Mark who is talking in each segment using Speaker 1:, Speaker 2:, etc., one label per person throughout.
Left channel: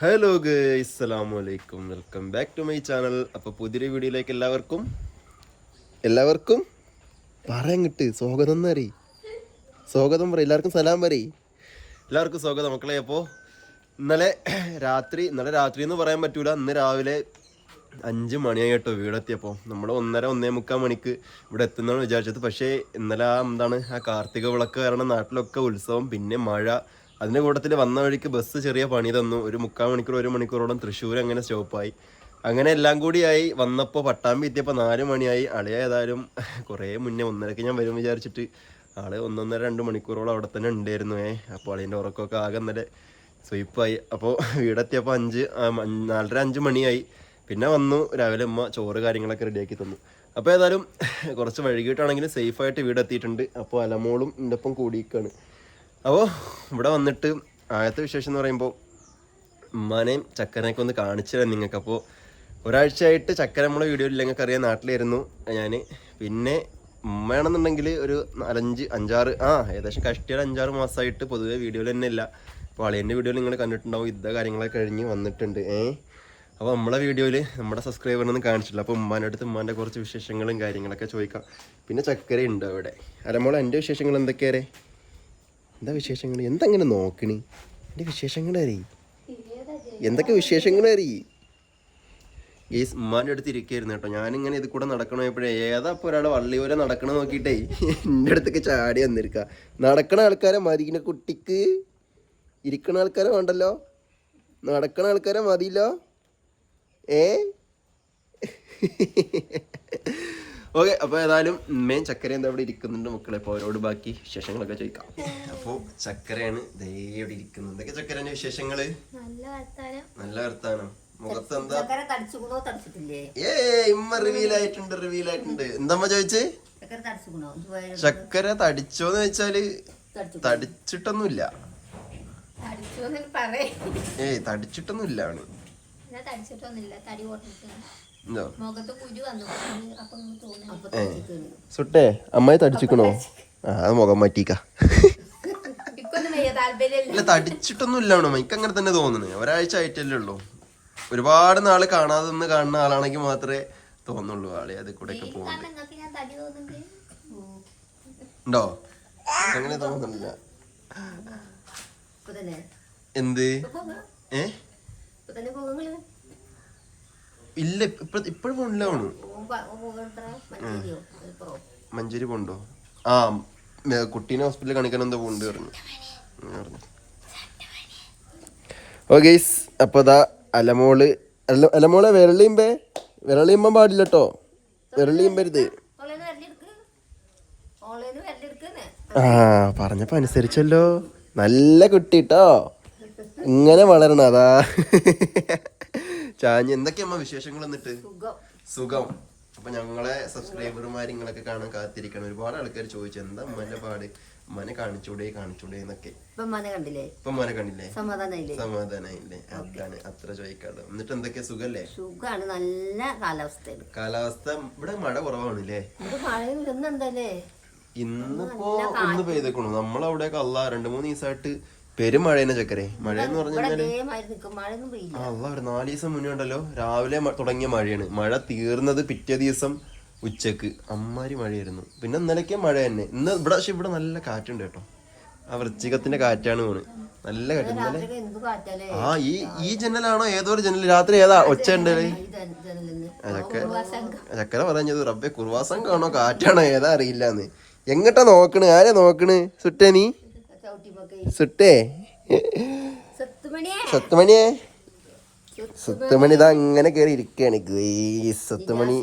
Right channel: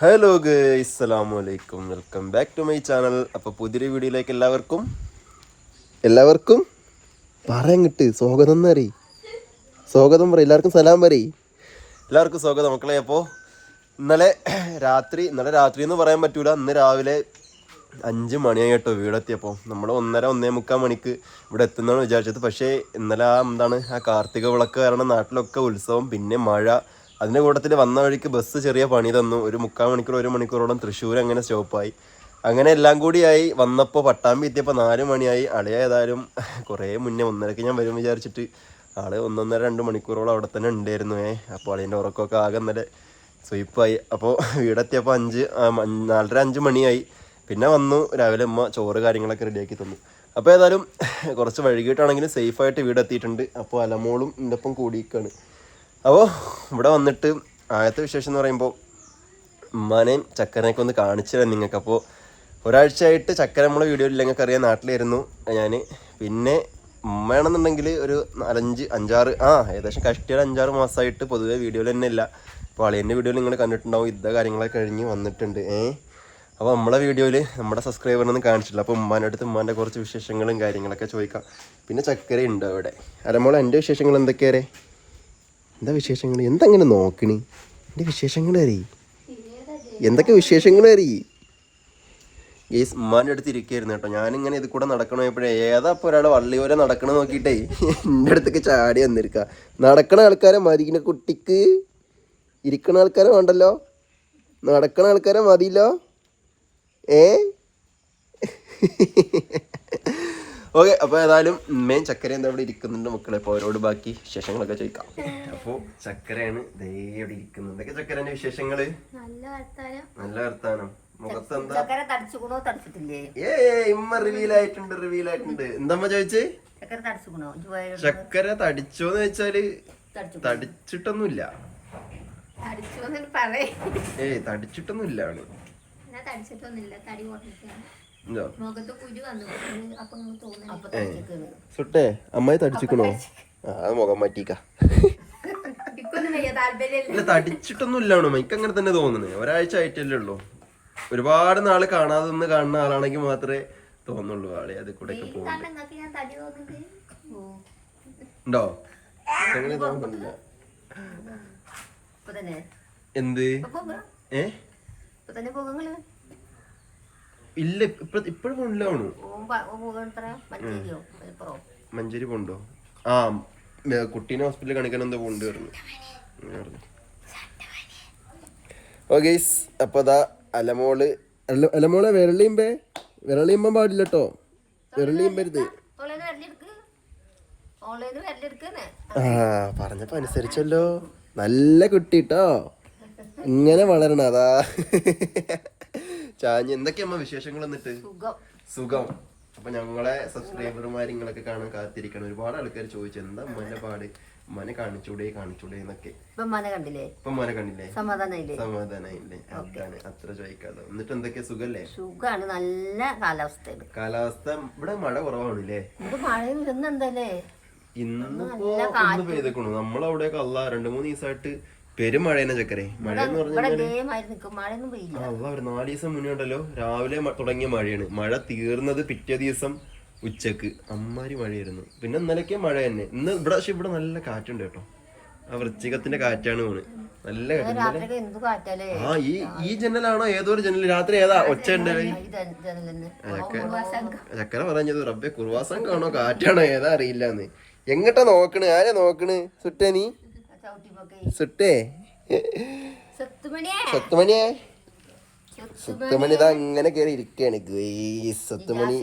Speaker 1: Hello അസ്സലാമു അലൈക്കും welcome back to my channel അപ്പോൾ പുതിയൊരു വീഡിയോയിലേക്ക് എല്ലാവർക്കും എല്ലാവർക്കും പറയാൻ കിട്ട്. സ്വാഗതം പറയും. സ്വാഗതം പറയും. എല്ലാവർക്കും സലാം പറയും. എല്ലാവർക്കും സ്വാഗതം മക്കളെ. അപ്പോൾ ഇന്നലെ രാത്രി ഇന്നലെ രാത്രി എന്ന് പറയാൻ പറ്റൂല. ഇന്ന് രാവിലെ അഞ്ച് മണിയായി കേട്ടോ വീടെത്തിയപ്പോൾ നമ്മൾ ഒന്നര ഒന്നേ മുക്കാൽ മണിക്ക് ഇവിടെ എത്തുന്നതാണ് വിചാരിച്ചത്. പക്ഷേ ഇന്നലെ ആ എന്താണ് ആ കാർത്തിക വിളക്ക് കാരണം നാട്ടിലൊക്കെ ഉത്സവം പിന്നെ മഴ അതിന്റെ കൂട്ടത്തിൽ വന്ന വഴിക്ക് ബസ് ചെറിയ പണി തന്നു. ഒരു മുക്കാൽ മണിക്കൂർ ഒരു മണിക്കൂറോളം തൃശ്ശൂർ അങ്ങനെ സ്റ്റോപ്പായി അങ്ങനെ എല്ലാം കൂടിയായി വന്നപ്പോൾ പട്ടാമ്പി എത്തിയപ്പോൾ നാല് മണിയായി. അളിയ ഏതായാലും കുറേ മുന്നേ ഒന്നരക്ക് ഞാൻ വരും വിചാരിച്ചിട്ട് ആൾ ഒന്നൊന്നര രണ്ട് മണിക്കൂറോളം അവിടെ തന്നെ ഉണ്ടായിരുന്നു. ഏ അപ്പോൾ അളിയന്റെ ഉറക്കമൊക്കെ ആകെ ഇന്നലെ സ്വീപ്പായി അപ്പോൾ വീടെത്തിയപ്പോൾ അഞ്ച് നാലര അഞ്ച് മണിയായി. പിന്നെ വന്നു. രാവിലെ ഉമ്മ ചോറ് കാര്യങ്ങളൊക്കെ റെഡിയാക്കി തന്നു. അപ്പോൾ ഏതായാലും കുറച്ച് വൈകിട്ടാണെങ്കിലും സേഫായിട്ട് വീടെത്തിയിട്ടുണ്ട്. അപ്പോൾ അലമോളും എന്റെ ഒപ്പം കൂടിയിരിക്കുകയാണ് അപ്പോൾ ഇവിടെ വന്നിട്ട് ആദ്യത്തെ വിശേഷം എന്ന് പറയുമ്പോൾ ഉമ്മാനെയും ചക്കരനെയൊക്കെ ഒന്ന് കാണിച്ചു നിങ്ങൾക്ക്. അപ്പോൾ ഒരാഴ്ചയായിട്ട് ചക്കര നമ്മളെ വീഡിയോയിൽ നിങ്ങൾക്ക് അറിയാം. നാട്ടിലായിരുന്നു ഞാൻ പിന്നെ ഉമ്മയാണെന്നുണ്ടെങ്കിൽ ഒരു നാലഞ്ച് അഞ്ചാറ് ആ ഏകദേശം കഷ്ടിയുടെ അഞ്ചാറ് മാസമായിട്ട് പൊതുവേ വീഡിയോയിൽ തന്നെ ഇല്ല. അപ്പോൾ അളിയന്റെ വീഡിയോയിൽ നിങ്ങൾ കണ്ടിട്ടുണ്ടാവും. യുദ്ധ കാര്യങ്ങളൊക്കെ കഴിഞ്ഞ് വന്നിട്ടുണ്ട്. ഏ? അപ്പോൾ നമ്മളെ വീഡിയോയിൽ നമ്മുടെ സബ്സ്ക്രൈബറിനൊന്നും കാണിച്ചിട്ടില്ല. അപ്പോൾ ഉമ്മാന്റെ അടുത്ത് ഉമ്മാന്റെ കുറച്ച് വിശേഷങ്ങളും കാര്യങ്ങളൊക്കെ ചോദിക്കാം. പിന്നെ ചക്കര ഉണ്ട് അവിടെ. അരമോളെ എന്റെ വിശേഷങ്ങൾ എന്തൊക്കെയാരേ എന്താ വിശേഷങ്ങൾ? എന്തങ്ങനെ നോക്കണി? എന്റെ വിശേഷങ്ങൾ അറിയി എന്തൊക്കെ വിശേഷങ്ങൾ അറിയി ഈ ഉമ്മാന്റെ അടുത്ത് ഇരിക്കായിരുന്നു കേട്ടോ. ഞാനിങ്ങനെ ഇത് കൂടെ നടക്കണപ്പോഴേ ഏതാ ഇപ്പോൾ ഒരാൾ വള്ളി പോലെ നടക്കണ നോക്കിയിട്ടേ എന്റെ അടുത്തേക്ക് ചാടി വന്നിരിക്ക. നടക്കണ ആൾക്കാരെ മതിക്കണ കുട്ടിക്ക്. ഇരിക്കണ ആൾക്കാരെ വേണ്ടല്ലോ? നടക്കണ ആൾക്കാരെ മതിയല്ലോ? ഏ? ഓക്കെ അപ്പോൾ ഏതായാലും മെയിൻ ചക്കര എന്താ ഇവിടെ ഇരിക്കുന്നുണ്ട് മക്കളെ. അപ്പോൾ അവരോട് ബാക്കി വിശേഷങ്ങളൊക്കെ ചോദിക്കാം. അപ്പോൾ ചക്കരയാണ് ദേ ഇവിടെ ഇരിക്കുന്നത്. എന്തൊക്കെ ചക്കരന്റെ വിശേഷങ്ങൾ?
Speaker 2: നല്ല വർത്താനം.
Speaker 1: മുഖത്ത് എന്താ ഏ ഇമ്മ റിവീൽ ആയിട്ടുണ്ട് റിവീൽ ആയിട്ടുണ്ട്. എന്തമ്മ ചോദിച്ച്?
Speaker 3: ചക്കര
Speaker 1: തടിച്ചോന്ന് വെച്ചാൽ തടിച്ചിട്ടൊന്നുമില്ല. ഏയ് തടിച്ചിട്ടൊന്നുമില്ല അവന്.
Speaker 2: ഞാൻ തടിച്ചിട്ടൊന്നുമില്ല. തടി കുറഞ്ഞിട്ടാണ്
Speaker 1: സുട്ടേ അമ്മയെ തടിച്ചിക്കണോ? ആ അത് മുഖം മാറ്റിക്ക. ഇല്ല തടിച്ചിട്ടൊന്നുമില്ല അവന് എനിക്ക് അങ്ങനെ തന്നെ തോന്നുന്നു. ഒരാഴ്ച ആയിട്ടല്ലേ ഉള്ളൂ. ഒരുപാട് നാൾ കാണാതെ നിന്ന് കാണുന്ന ആളാണെങ്കിൽ മാത്രമേ തോന്നുള്ളൂ ആളെ അത് കൂടെ ഒക്കെ പോകുന്നുണ്ട് ഉണ്ടോ? അങ്ങനെ തോന്നുന്നില്ല.
Speaker 3: തന്നെ.
Speaker 1: എന്ത്? ഏ? ഇല്ല ഇപ്പൊ ഇപ്പോഴും
Speaker 3: ഇപ്പൊ.
Speaker 1: മഞ്ചേരി പോണ്ടോ? ആ കുട്ടീനെ ഹോസ്പിറ്റലിൽ കാണിക്കാൻ എന്താ പോണ്ട് പറഞ്ഞു. പറഞ്ഞു. ഓ ഗൈസ് അപ്പൊ ഇതാ അലമോൾ അലമോളെ വിരളിയുമ്പേ വിരളിയുമ്പോ പാടില്ല കേട്ടോ വിരളിയുമ്പരുത് ആ പറഞ്ഞപ്പോ അനുസരിച്ചല്ലോ. നല്ല കുട്ടി കേട്ടോ ഇങ്ങനെ വളരണം അതാ. ചാഞ്ഞ്. എന്തൊക്കെയാ വിശേഷങ്ങൾ എന്നിട്ട്?
Speaker 3: സുഖം.
Speaker 1: അപ്പൊ ഞങ്ങളെ സബ്സ്ക്രൈബർമാർ നിങ്ങളൊക്കെ കാണാൻ കാത്തിരിക്കണം ഒരുപാട് ആൾക്കാർ ചോദിച്ചു എന്താ ഉമ്മന്റെ പാട്? ഉമ്മനെ കാണിച്ചൂടെ കാണിച്ചൂടെ എന്നൊക്കെ.
Speaker 3: ഇപ്പൊ മന കണ്ടില്ലേ?
Speaker 1: ഇപ്പൊ ഉമ്മനെ കണ്ടില്ലേ?
Speaker 3: സമാധാനായില്ലേ?
Speaker 1: സമാധാനായില്ലേ? അതാണ് അത്ര ചോദിക്കാതെ എന്നിട്ട് എന്തൊക്കെയാ സുഖല്ലേ?
Speaker 3: സുഖാണ്. നല്ല കാലാവസ്ഥയാണ്.
Speaker 1: കാലാവസ്ഥ ഇവിടെ മഴ കുറവാണല്ലേ?
Speaker 3: ഇന്നെന്തല്ലേ
Speaker 1: ഇന്നിപ്പോ ഒന്ന് പെയ്തേക്കണു നമ്മളവിടെയൊക്കെ അല്ല രണ്ടു മൂന്ന് ദിവസമായിട്ട് പെരുമഴ തന്നെ ചക്കരെ മഴ എന്ന് പറഞ്ഞാൽ ഒരു നാല് ദിവസം മുന്നേ ഉണ്ടല്ലോ രാവിലെ തുടങ്ങിയ മഴയാണ്. മഴ തീർന്നത് പിറ്റേ ദിവസം ഉച്ചയ്ക്ക്. അമ്മാരി മഴയായിരുന്നു. പിന്നെ ഇന്നലെയൊക്കെ മഴ തന്നെ. ഇന്ന് ഇവിടെ പക്ഷെ ഇവിടെ നല്ല കാറ്റുണ്ട് കേട്ടോ. ആ വൃശ്ചികത്തിന്റെ കാറ്റാണ് പോണ് നല്ല കാറ്റ്. ആ ഈ ഈ ജനലാണോ ഏതോ ഒരു ജനൽ രാത്രി ഏതാ? ഒച്ച ചക്കര പറഞ്ഞത് റബ്ബെ കുർവാസം കാണോ കാറ്റാണോ? ഏതാ അറിയില്ലാന്ന്. എങ്ങട്ടാ നോക്കണ്? ആരെ നോക്കണ്? സുട്ടേ നീ സുട്ടേ.
Speaker 3: സത്തുമണിയെ.
Speaker 1: സത്തുമണി ഇതാ അങ്ങനെ കയറി ഇരിക്കാണ്. ഗയ്സ്, സത്തുമണി.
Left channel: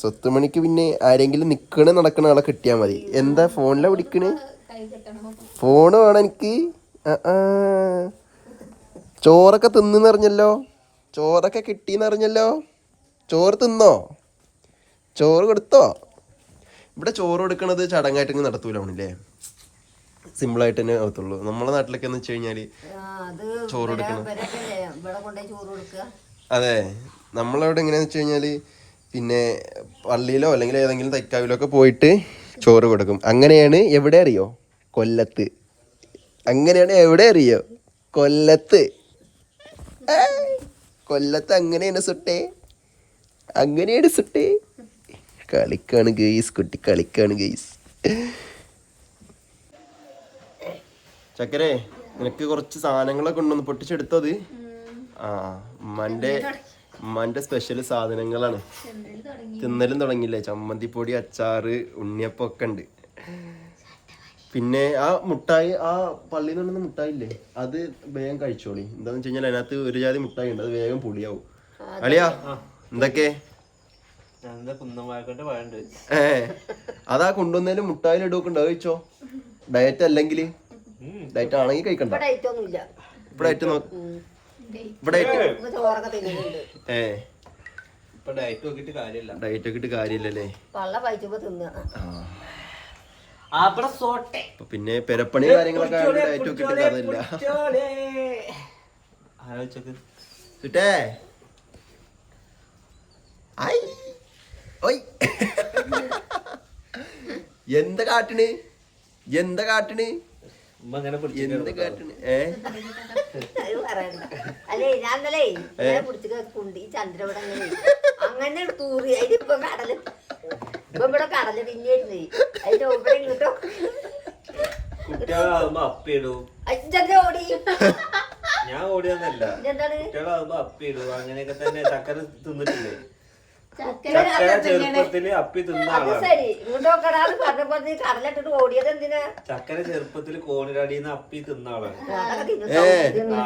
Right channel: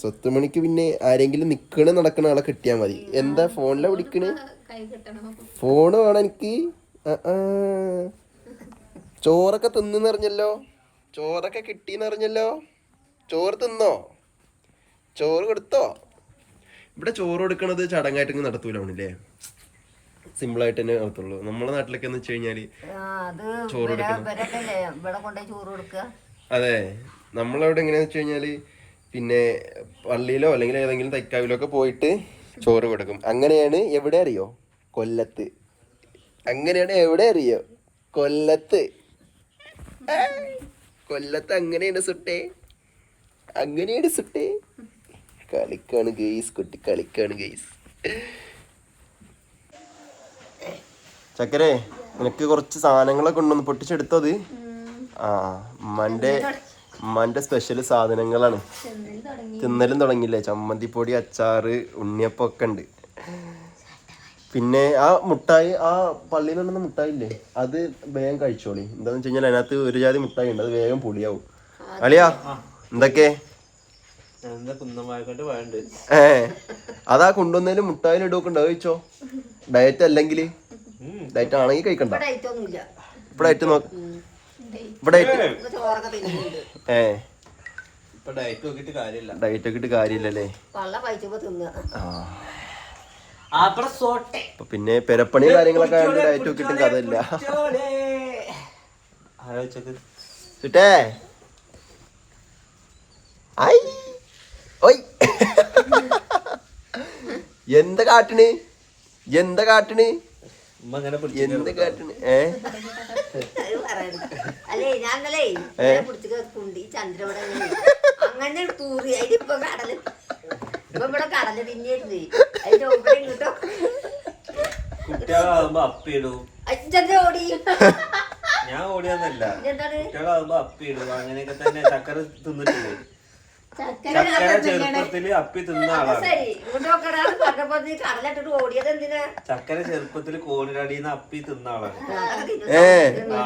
Speaker 1: സ്വത്തുമണിക്ക് പിന്നെ ആരെങ്കിലും നിക്കണ നടക്കണ ആളെ കിട്ടിയാ മതി. എന്താ ഫോണിലാ വിളിക്കണ്? ഫോണ് വേണം എനിക്ക്. ചോറൊക്കെ തിന്നറിഞ്ഞല്ലോ ചോറൊക്കെ കിട്ടിന്നറിഞ്ഞല്ലോ ചോറ് തിന്നോ? ചോറ് കൊടുത്തോ? ഇവിടെ ചോറ് കൊടുക്കണത് ചടങ്ങായിട്ട് ഇങ്ങ് അവണില്ലേ സിമ്പിളായിട്ട് തന്നെ ആവത്തുള്ളൂ നമ്മളെ നാട്ടിലൊക്കെ എന്ന് വെച്ച്
Speaker 3: കഴിഞ്ഞാൽ ചോറ് കൊടുക്കുക
Speaker 1: അതെ. നമ്മളവിടെ എങ്ങനെയാന്ന് വെച്ച് കഴിഞ്ഞാൽ പിന്നെ പള്ളിയിലോ അല്ലെങ്കിൽ ഏതെങ്കിലും തൈക്കാവിലോ ഒക്കെ പോയിട്ട് ചോറ് കൊടുക്കും. അങ്ങനെയാണ് എവിടെ അറിയോ? കൊല്ലത്ത്. അങ്ങനെയാണ് എവിടെ അറിയോ? കൊല്ലത്ത്. കൊല്ലത്ത് അങ്ങനെയാണ് സുട്ടേ. അങ്ങനെയാണ് സുട്ടേ. കളിക്കാണ് ഗെയ്സ് കുട്ടി കളിക്കാണ് ഗെയ്സ് ചക്കരെ നിനക്ക് കുറച്ച് സാധനങ്ങളൊക്കെ ഉണ്ടെന്ന് പൊട്ടിച്ചെടുത്തത് ആ ഉമ്മാന്റെ ഉമ്മാന്റെ സ്പെഷ്യൽ സാധനങ്ങളാണ്. തിന്നലും തുടങ്ങിയില്ലേ? ചമ്മന്തിപ്പൊടി അച്ചാറ് ഉണ്ണിയപ്പം ഒക്കെ ഉണ്ട്. പിന്നെ ആ മുട്ടായി ആ പള്ളിയിൽ നിന്നുണ്ടെന്ന മുട്ടായി ഇല്ലേ അത് വേഗം കഴിച്ചോളി. എന്താന്ന് വെച്ച് കഴിഞ്ഞാൽ അതിനകത്ത് ഒരു ജാതി മുട്ടായി ഉണ്ട്. അത് വേഗം പൊടിയാവും അളിയാ എന്തൊക്കെ? ഏ അതാ കൊണ്ടുവന്നതിൽ മുട്ടായിൽ ഇടൊക്കെ വെച്ചോ ഡയറ്റ് അല്ലെങ്കിൽ? ഡയറ്റ് ആണെങ്കിൽ കഴിക്കണ്ട.
Speaker 3: ഇവിടെ
Speaker 1: ഡയറ്റ് നോക്ക്. ഇവിടെ ഏ.
Speaker 4: ഇപ്പൊ ഡയറ്റ് നോക്കിട്ട് കാര്യമില്ല.
Speaker 1: ഡയറ്റ് കാര്യമില്ലല്ലേ? പിന്നെ പെരപ്പണി കാര്യങ്ങളൊക്കെ ഡയറ്റ് നോക്കിട്ട് കഥയില്ല
Speaker 4: ആലോചിച്ചത്
Speaker 1: ചുറ്റേ ഐ. ഓയ്. എന്താ കാട്ടിന്? എന്താ കാട്ടിന്? എന്ത് ഏ?
Speaker 3: അല്ലേ ഞാൻ ഇന്നലെ ഇങ്ങനെ പിടിച്ചിട്ട് കുണ്ടി ചന്ദ്രവിടെ അങ്ങനെ അങ്ങനെ തൂറി അതിന് ഇപ്പൊ കടൽ. ഇപ്പൊ ഇവിടെ കടൽ തിന്നിരുന്നേ അതിന്റെ ഇവിടെ ഇങ്ങോട്ടോ
Speaker 4: കുട്ടികളാകുമ്പോ അപ്പിടും
Speaker 3: അച്ഛന്റെ ഓടി.
Speaker 4: ഞാൻ ഓടിയൊന്നല്ല
Speaker 3: എന്താണ്
Speaker 4: കുട്ടികളാകുമ്പോ അപ്പിയിടും അങ്ങനെയൊക്കെ തന്നെ ചക്കര തിന്നിട്ടില്ലേ?
Speaker 3: ചക്കര
Speaker 4: ചെറുപ്പത്തിൽ അപ്പി തിന്ന ആളാണ്. ചക്കര ചെറുപ്പത്തിൽ കോണിലടിന്ന് അപ്പി തിന്ന ആളാണ്. ആ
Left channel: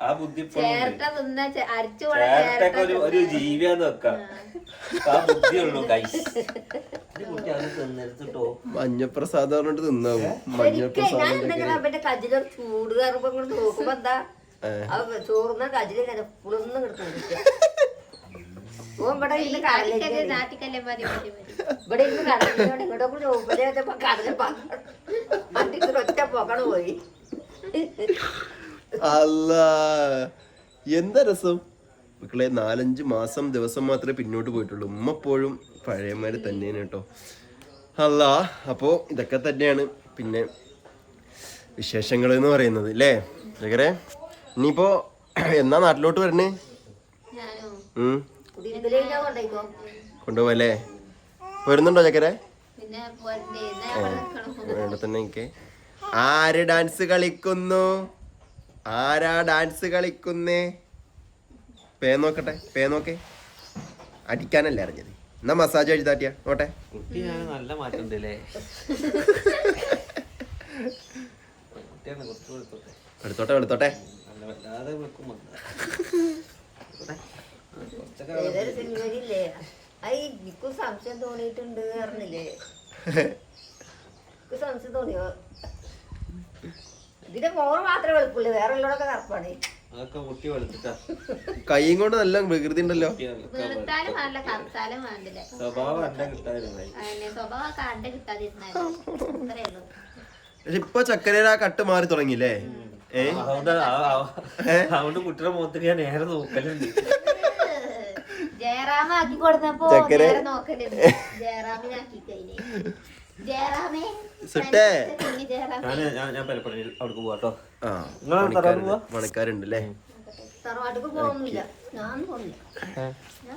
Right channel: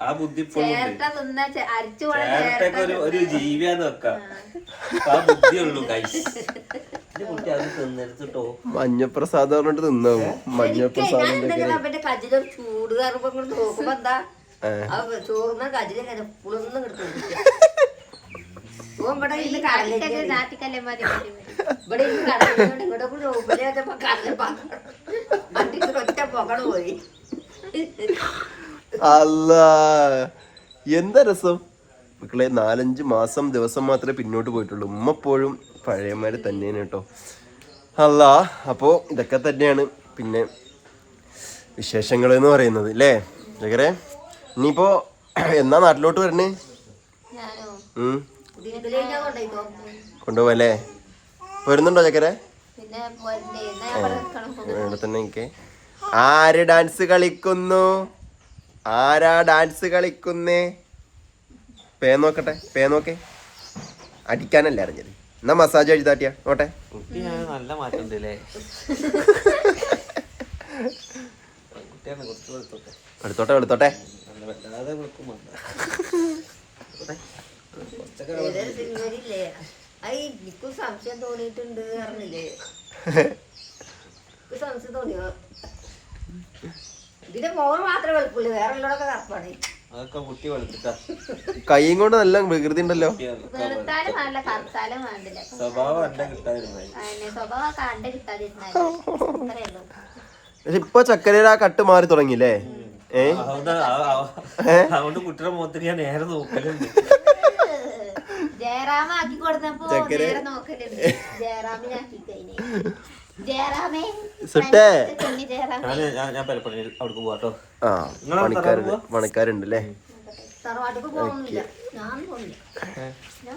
Speaker 4: ആ ബുദ്ധി ഇപ്പോഴും ഒരു ഒരു ജീവിയാന്ന് വെക്കാം. ആ. ബുദ്ധിയുള്ളൂ കൈ കുട്ടി അത് തിന്നെടുത്തിട്ടോ.
Speaker 1: മഞ്ഞപ്രസാദം പറഞ്ഞിട്ട് തിന്നാവും മഞ്ഞപ്രസാദം
Speaker 3: അവന്റെ ചൂട് കറുപ്പം നോക്കുമ്പോ എന്താ? ആ ചോറുന്ന കജിലും ഇങ്ങനെ കിടക്കും ഓൻ ഇവിടെ ഇന്ന്
Speaker 2: മതി.
Speaker 3: ഇവിടെ ഇന്ന് കൂടി കടലിൽ ഒറ്റ പുകൾ പോയി.
Speaker 1: അല്ല എന്താ രസം? മക്കളെ നാലഞ്ച് മാസം ദിവസം മാത്രമേ പിന്നോട്ട് പോയിട്ടുള്ളൂ. ഉമ്മപ്പോഴും പഴയമാര് തന്നെയാണ് കേട്ടോ. അല്ല അപ്പോൾ ഇതൊക്കെ തന്നെയാണ്. പിന്നെ വിശേഷങ്ങൾ എന്ന് പറയുന്നത് അല്ലേ ഇനിയിപ്പോ എന്നാ നാട്ടിലോട്ട് വരണേ? കൊണ്ടുപോവല്ലേ? വരുന്നുണ്ടോ ചക്കരെ?
Speaker 2: ഇവിടെ.
Speaker 1: തന്നെ എനിക്ക്. ആര് ഡാൻസ് കളിക്കുന്നു? ആരാ ഡാൻസ് കളിക്കുന്നേ? പേ നോക്കട്ടെ പേ നോക്കേ. അടിക്കാനല്ലേ അറിഞ്ഞത്. എന്നാ മസാജ് എഴുതാട്ടിയ. നോട്ടെ
Speaker 4: കുട്ടി ഞാൻ നല്ല മാറ്റം
Speaker 1: എടുത്തോട്ടെ. എടുത്തോട്ടെ.
Speaker 4: നല്ല വല്ലാതെ വിളിക്കും വന്ന കുറച്ചൊക്കെ
Speaker 3: ഏതൊരു സിനിമയിലില്ലേ? ഐ എനിക്കും സംശയം തോന്നിയിട്ടുണ്ട് പറഞ്ഞില്ലേ? എനിക്ക് സംശയം തോന്നിയോ? ഇതിന്റെ മോൾ മാത്രമേ വെളുപ്പുള്ളൂ വേറെ ഉള്ളതൊക്കെ കറുപ്പാണ്.
Speaker 4: അതൊക്കെ കുട്ടി വെളുത്തിട്ടാ
Speaker 1: കൈയും കൊണ്ട് നല്ല വികൃതി ഉണ്ടല്ലോ.
Speaker 4: സ്വഭാവം
Speaker 1: പക്ഷെ ഇപ്പൊ ചക്കരയുടെ ആ കട്ട് മാറി തുടങ്ങിയില്ലേ?
Speaker 4: അതുകൊണ്ട് കുട്ടിയുടെ മുഖത്ത് ഞാൻ നേരെ നോക്കലുണ്ട്.
Speaker 2: ജയറാമ ആക്കി കൊടുത്തപ്പോ
Speaker 1: ചക്കര.
Speaker 2: നേരെ നോക്കലുണ്ട് ജയറാമിനാക്കി കഴിഞ്ഞ്. ജയറാമേ
Speaker 1: സുട്ടേ.
Speaker 2: കുഞ്ഞി ജയറാമേ.
Speaker 4: ഞാൻ ഞാൻ ഞാൻ പലപ്പോഴും അവിടേക്ക് പോവാട്ടോ
Speaker 1: ആ
Speaker 4: നിങ്ങളാ
Speaker 1: പണിക്കാരുണ്ട്
Speaker 4: തറവാട്
Speaker 1: പണിക്കാരുണ്ട്. അല്ലേ
Speaker 3: തറവാട്ടിക്ക് പോകുന്നില്ല
Speaker 2: ഞാൻ പോണില്ല. ഞാൻ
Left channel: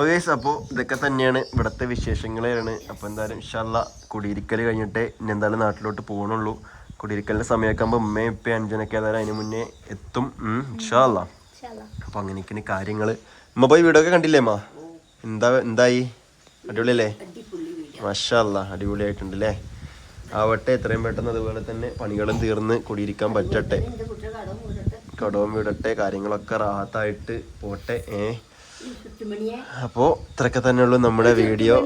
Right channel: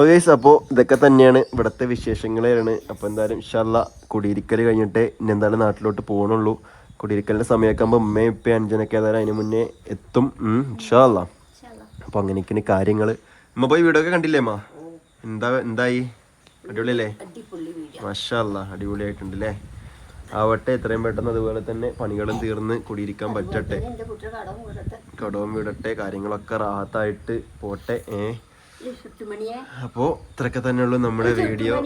Speaker 1: ഓക്കെ അപ്പോൾ ഇതൊക്കെ തന്നെയാണ് ഇവിടുത്തെ വിശേഷങ്ങളാണ്. അപ്പോൾ എന്തായാലും ഇൻഷാല്ല കുടിയിരിക്കൽ കഴിഞ്ഞിട്ട് ഇനി എന്തായാലും നാട്ടിലോട്ട് പോകണുള്ളൂ കുടിയിരിക്കലിന്റെ സമയമൊക്കെ ആകുമ്പോൾ ഉമ്മയും ഇപ്പം അഞ്ചനൊക്കെ ഏതായാലും അതിന് മുന്നേ എത്തും. ഇൻഷാല്ല അപ്പോൾ അങ്ങനെയൊക്കെയാണ് കാര്യങ്ങൾ ഉമ്മ പോയി വീടൊക്കെ കണ്ടില്ലേ അമ്മ എന്താ എന്തായി? അടിപൊളിയല്ലേ? മഷാല്ല അടിപൊളിയായിട്ടുണ്ട് അല്ലേ ആവട്ടെ എത്രയും പെട്ടെന്ന് അതുപോലെ തന്നെ പണികളും തീർന്ന് കുടിയിരിക്കാൻ പറ്റട്ടെ.
Speaker 3: കടവും വീടട്ടെ
Speaker 1: കാര്യങ്ങളൊക്കെ റാഹത്തായിട്ട് പോട്ടെ ഏ?
Speaker 3: അപ്പോ
Speaker 1: അപ്പോൾ ഇത്രയൊക്കെ തന്നെയുള്ളൂ നമ്മുടെ വീഡിയോ.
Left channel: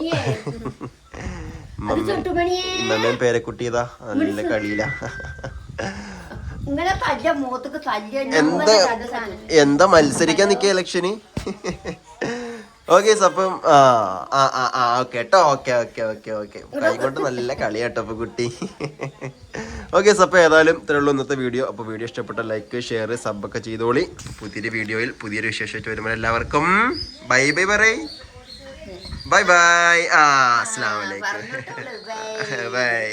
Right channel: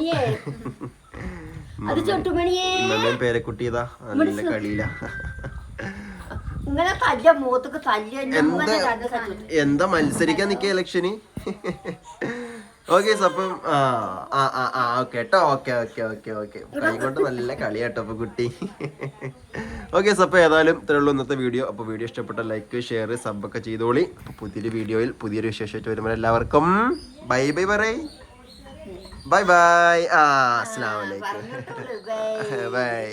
Speaker 3: അത് പേരെ
Speaker 1: കുട്ടിയതാ പേരക്കുട്ടിയതാ. നല്ല കളിയില. എന്താ എന്താ മത്സരിക്കാൻ നിക്ക ഇലക്ഷന്? ഓക്കെ അപ്പം ആ ആ ആ ആ ഓക്കെ കേട്ടോ ഓക്കെ ഓക്കെ ഓക്കെ ഓക്കെ. കൈകൊണ്ട് നല്ല കളിയാട്ടോ അപ്പൊ കുട്ടി. ഓക്കെ അപ്പോൾ ഏതായാലും ഇത്രയുള്ളൂ ഇന്നത്തെ വീഡിയോ. അപ്പോൾ വീഡിയോ ഇഷ്ടപ്പെട്ട ലൈക്ക് ഷെയർ സബ് ഒക്കെ ചെയ്തോളി. അപ്പോൾ പുതിയൊരു വീഡിയോയിൽ പുതിയൊരു വിശേഷമായിട്ട് വരുമ്പോൾ എല്ലാവർക്കും ബൈ ബൈ പറയ് ബൈ ബൈ. ആ അസ്സാം വലൈക്കും ബൈ.